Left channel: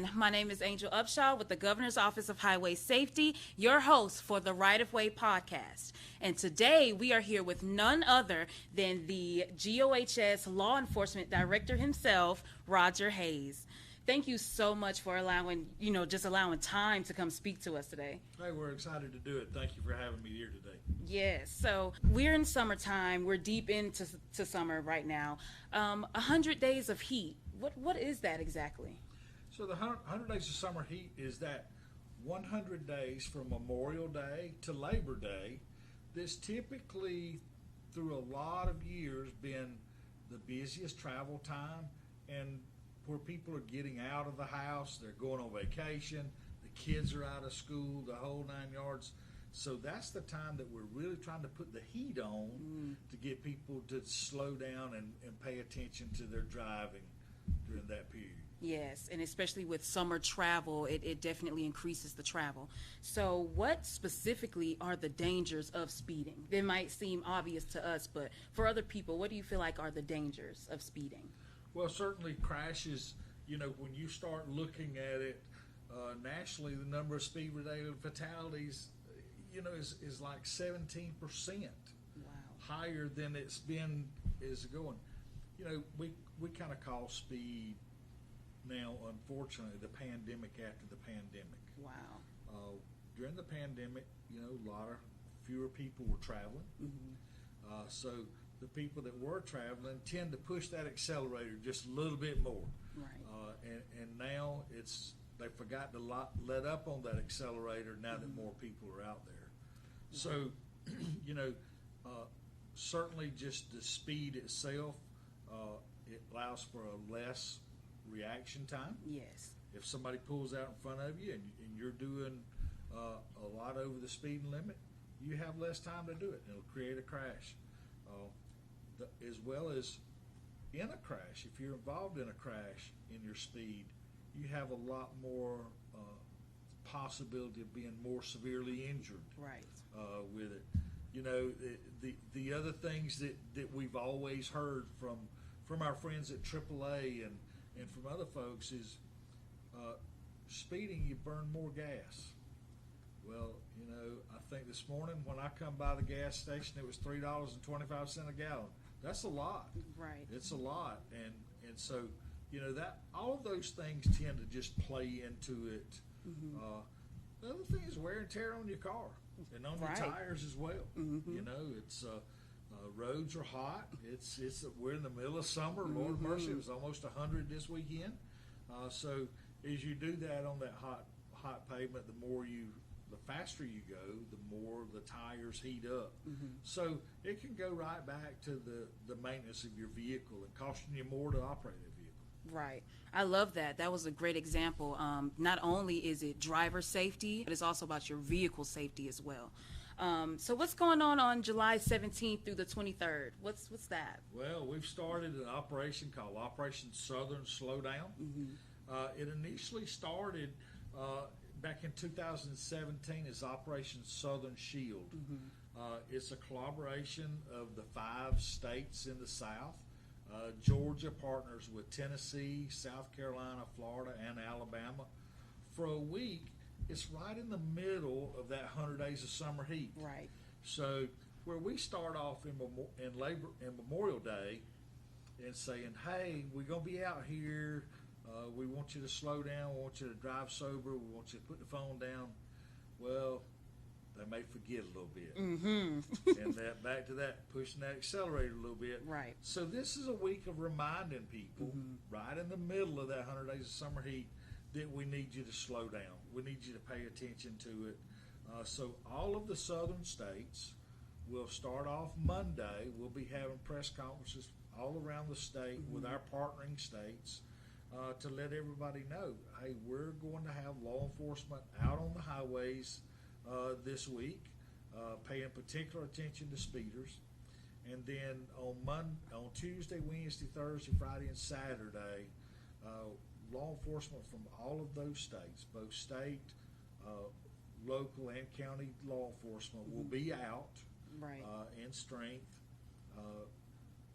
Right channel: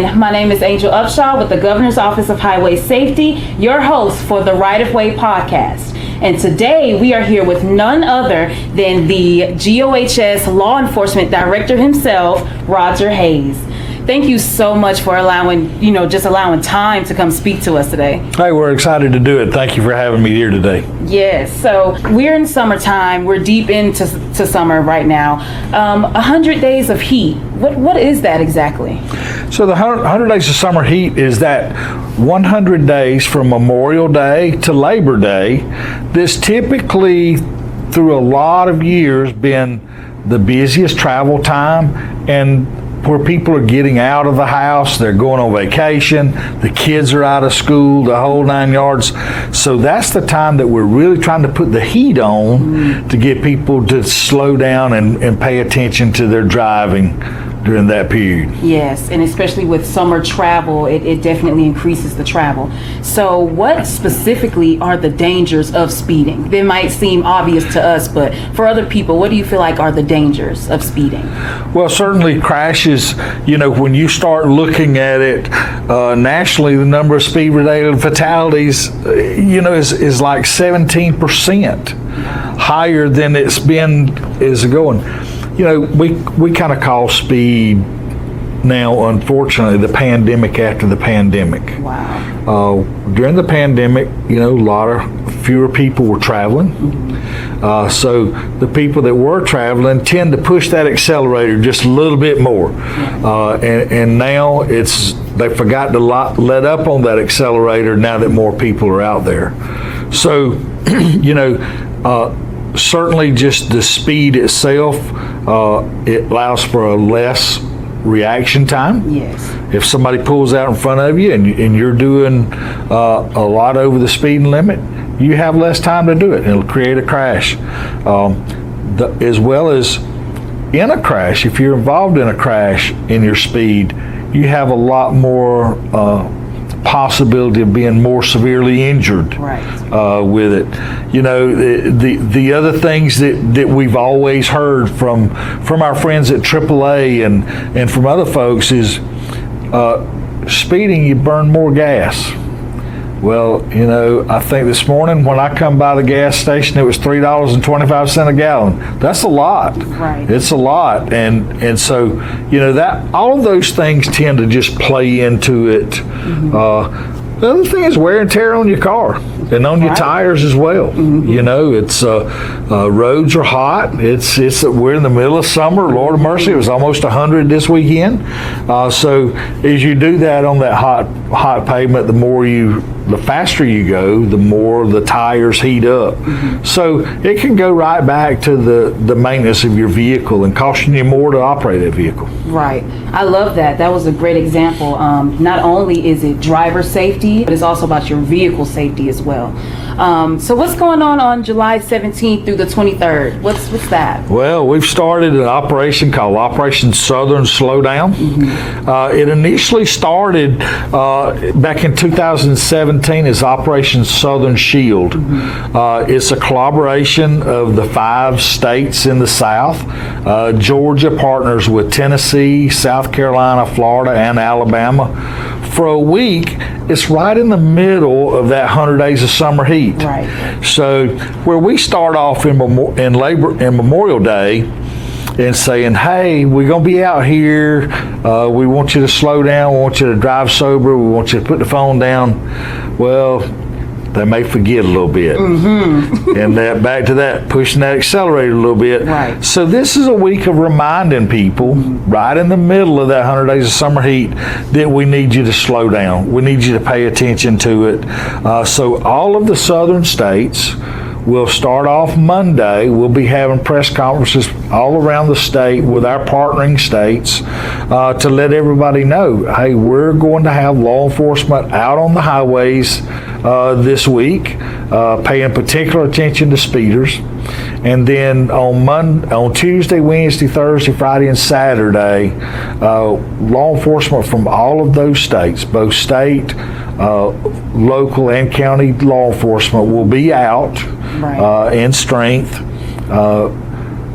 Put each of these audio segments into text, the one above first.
again, my name is Angel Upshaw with the Governor's Office of Highway Safety, your host for the Right of Way podcast. And today we are here with none other than the GOHS Law Enforcement Director himself, Roger Hayes. Thank you so much for allowing time to come speak to us today. Hey, we're excited to do it. Thank you for having me here today. Yes, so we're in summertime. We're deep into summer right now. 100 days of heat. What is that exactly? So the 100 days of summer heat is that 100 days from Memorial Day to Labor Day. This typically, through a lot of years, been the busiest travel time and where people are getting out of the house, they're going on vacation, the kids are out of school, the whole 9 yards. So that's the time that we're really trying to put the heat on to get people to slow down and pay attention to their driving during that period. Yes, and especially with summer travel, it definitely increases the travel. So what specifically are the dangers of speeding? They might seem obvious to us, but for other people, what do you feel like are the dangers of speeding? Well, certainly crashes, when you start looking at it nationally, the number of speed-related fatalities, is like 17% higher than it's been is going. We kind of call speed now, unfortunately, the pandemic after the pandemic. Wow. During the pandemic, a lot of fewer people were traveling. So the people that were traveling tend to push that accelerator just a little bit more. And now they forgot to let up on that accelerator now that more people are out there. So, certainly just the speed itself, it allows for a less reaction time. Yes. If somebody pulls out in front of you and you're doing a lot over the speed limit, you have less time to do it. It'll create a crash. As well as in a crash, if you're involved in a crash in your speed, you have a lot more possibility of being more severely injured with it. The other things that we've always heard from our friends at AAA and from other folks is speeding, you burn more gas. Well, I think this morning when I come by the gas station, it was $3.25 a gallon. That's a lot. Right. It's a lot. And so, that all of those things tend to just play into it. Mm-hmm. The other thing is wear and tear on your car and on your tires as well. Mm-hmm. It's roads are hot. We're in the middle of summer. Lord of mercy, it was almost 100 this weekend. So as you do that on that hot pavement, the faster you go, the more the tires heat up. Mm-hmm. So it can go right back to the maintenance of your vehicle and costing you more to operate that vehicle. Right. I love that. That was a great example. Not only is it driver safety, but it's also about your vehicle safety as well. So what's going on July 17th through the 23rd? What's that? Well, we've started an operation called Operation Southern Slowdown. Mm-hmm. It initially started back in 2017 as Operation Southern Shield. Mm-hmm. It's a collaboration of the 5 states in the South. Georgia partners with Tennessee, South Carolina, Florida, and Alabama. For a week, it's right in the middle of that 100 days of summer heat. Right. So where we start off in Memorial Day and saying, hey, we're going to be out here. We want you to slow down. We want you to drive sober. We want you to put the phone down. Well, they may forget a little bit. Mm-hmm. And back to that, pushing that accelerator a little bit. Right. So this is a week of reminding people, right in the middle of that 100 days of summer heat, that we need you to slow down. We need you to pay attention to it. So all of the southern states will start off Monday. We'll be having press conferences all around the state with our partnering states to let everybody know, hey, we're going to have law enforcement out on the highways this week, paying particular attention to speeders. And then on Tuesday, Wednesday, Thursday, Friday, and Saturday, law enforcement from all of those states, both state, local, and county law enforcement will be out in strength,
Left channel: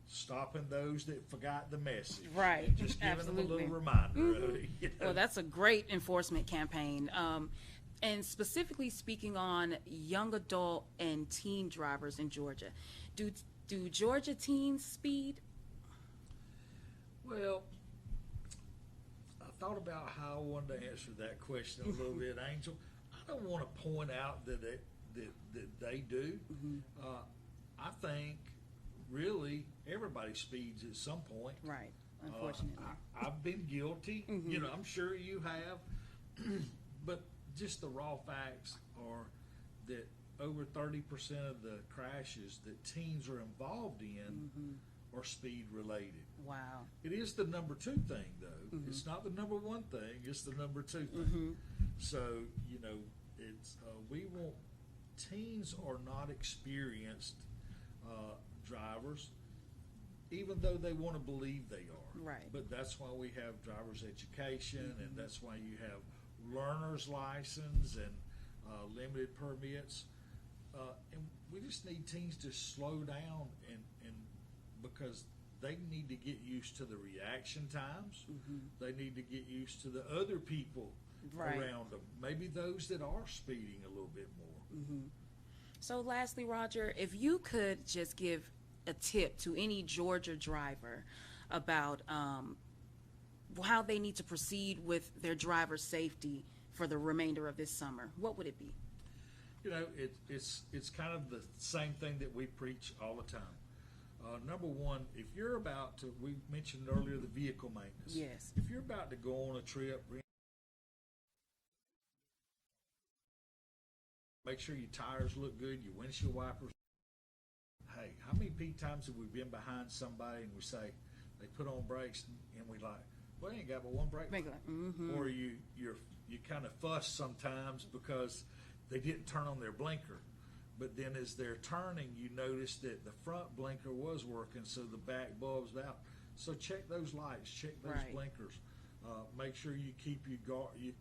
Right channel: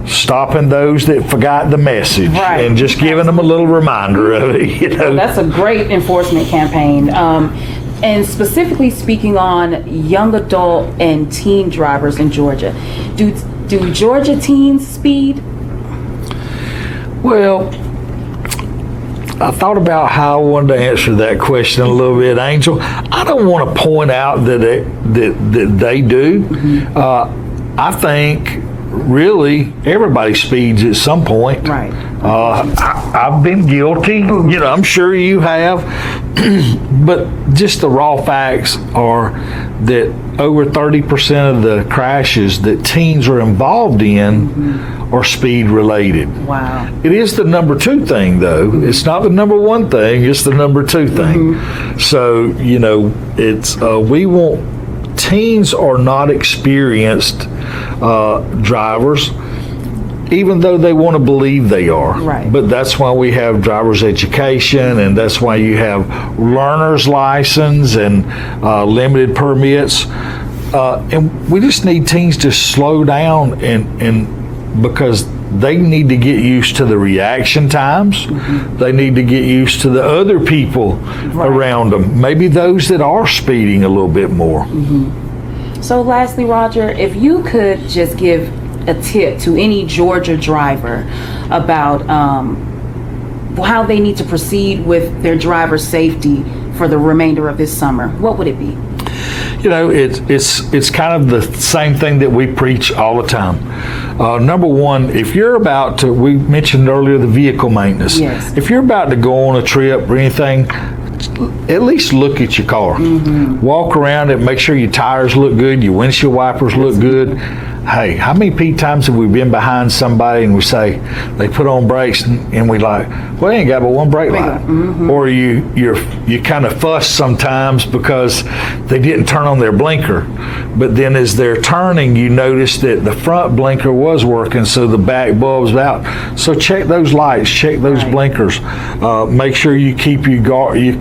stopping those that forgot the message, Right. and just giving them a little reminder of it. You know, That's a great enforcement campaign. And specifically speaking on young adult and teen drivers in Georgia, do Georgia teens speed? well, I thought about how I wanted to answer that question a little bit, Angel. I don't want to point out that they do. I think really everybody speeds at some point. Right. I've been guilty. You know, I'm sure you have. But just the raw facts are that over 30% of the crashes that teens are involved in are speed related. Wow. It is the number 2 thing, though. It's not the number 1 thing. It's the number 2 thing. So, you know, it's teens are not experienced drivers, even though they want to believe they are. Right. But that's why we have driver's education, and that's why you have learner's license and limited permits. And we just need teens to slow down and because they need to get used to the reaction times. They need to get used to the other people around them, maybe those that are speeding a little bit more. So lastly, Roger, if you could just give a tip to any Georgia driver about how they need to proceed with their driver safety for the remainder of this summer, what would it be? You know, it's kind of the same thing that we preach all the time. Number 1, if you're about to, we mentioned earlier the vehicle maintenance. Yes. If you're about to go on a trip or anything, at least look at your car. Walk around it, make sure your tires look good, your windshield wipers look good. Hey, how many times have we been behind somebody and we say they put on brakes and we like, well, they ain't got but one brake light. Or you kind of fuss sometimes because they didn't turn on their blinker, but then as they're turning, you notice that the front blinker was working, so the back bulb's out. So check those lights, check those blinkers. Make sure you keep your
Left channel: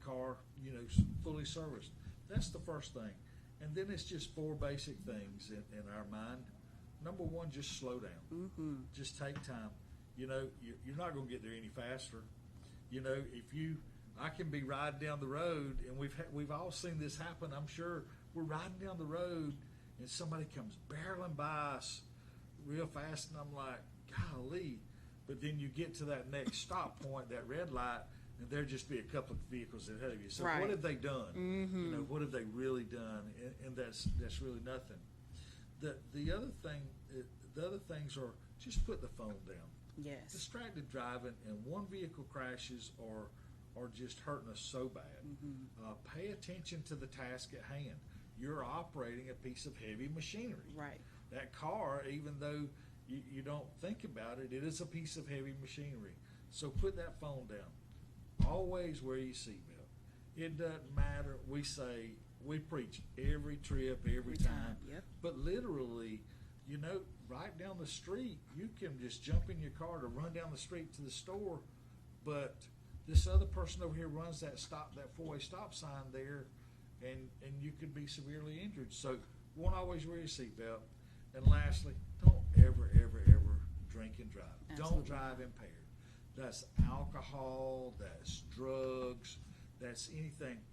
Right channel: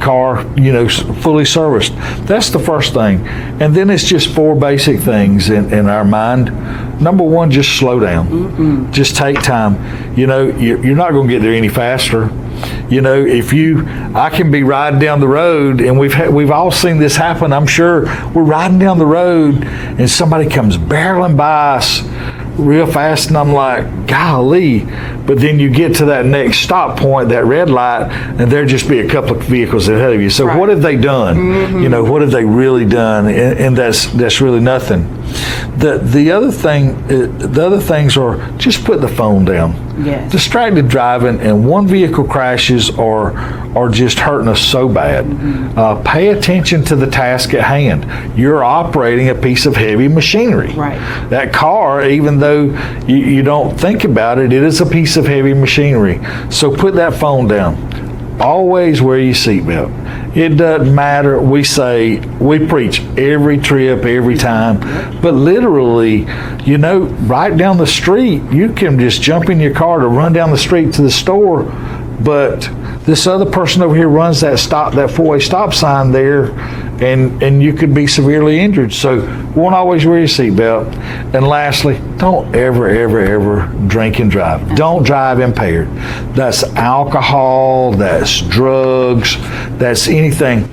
car, you know, fully serviced. That's the first thing, and then it's just 4 basic things in our mind. Number 1, just slow down. Just take time. You know, you're not going to get there any faster. You know, I can be riding down the road, and we've all seen this happen. I'm sure we're riding down the road, and somebody comes barreling by us real fast, and I'm like, golly. But then you get to that next stop point, that red light, and there just be a couple of vehicles ahead of you. So what have they done? You know, what have they really done? And that's really nothing. The other things are just put the phone down. Yes. Distracted driving and one vehicle crashes are just hurting us so bad. Pay attention to the task at hand. You're operating a piece of heavy machinery. Right. That car, even though you don't think about it, it is a piece of heavy machinery. So put that phone down. Always wear your seatbelt. It doesn't matter. We preach every trip, every time, but literally, you know, right down the street, you can just jump in your car to run down the street to the store, but this other person over here runs that 4-way stop sign there, and you could be severely injured. So won't always wear your seatbelt. And lastly, don't ever drink and drive. Don't drive impaired. That's alcohol, that's drugs, that's anything.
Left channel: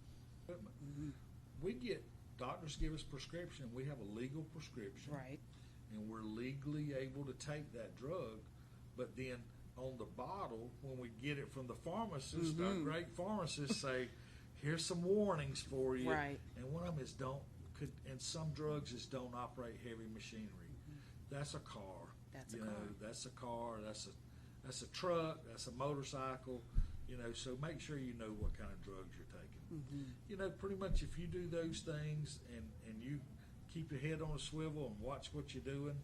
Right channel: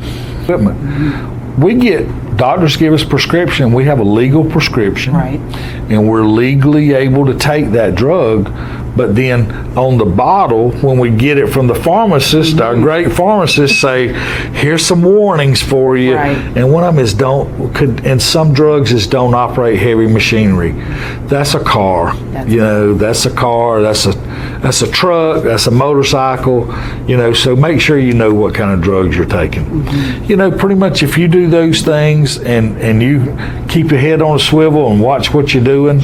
Doctors give us prescription. We have a legal prescription, Right. and we're legally able to take that drug. But then on the bottle, when we get it from the pharmacist, our great pharmacists say, here's some warnings for you. Right. And one of them is and some drugs is don't operate heavy machinery. That's a car. That's a car, that's a truck, that's a motorcycle, so make sure you know what kind of drugs you're taking. Pretty much if you do those things and you keep your head on a swivel and watch what you're doing,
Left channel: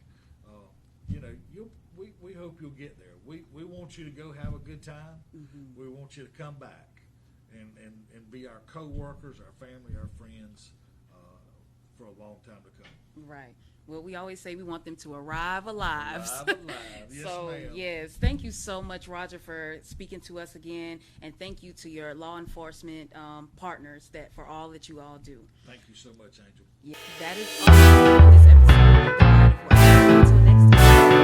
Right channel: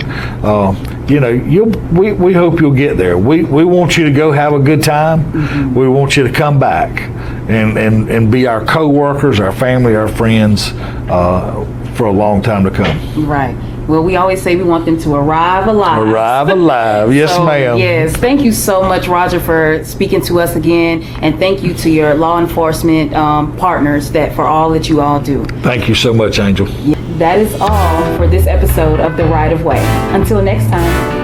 we hope you'll get there. We want you to go have a good time. We want you to come back and be our co-workers, our family, our friends for a long time to come. Right. Well, we always say we want them to arrive alive. Arrive alive. Yes, ma'am. Yes. Thank you so much, Roger, for speaking to us again. And thank you to your law enforcement partners for all that you all do. Thank you so much, Angel. That is all for this episode of The Right of Way. Until next time.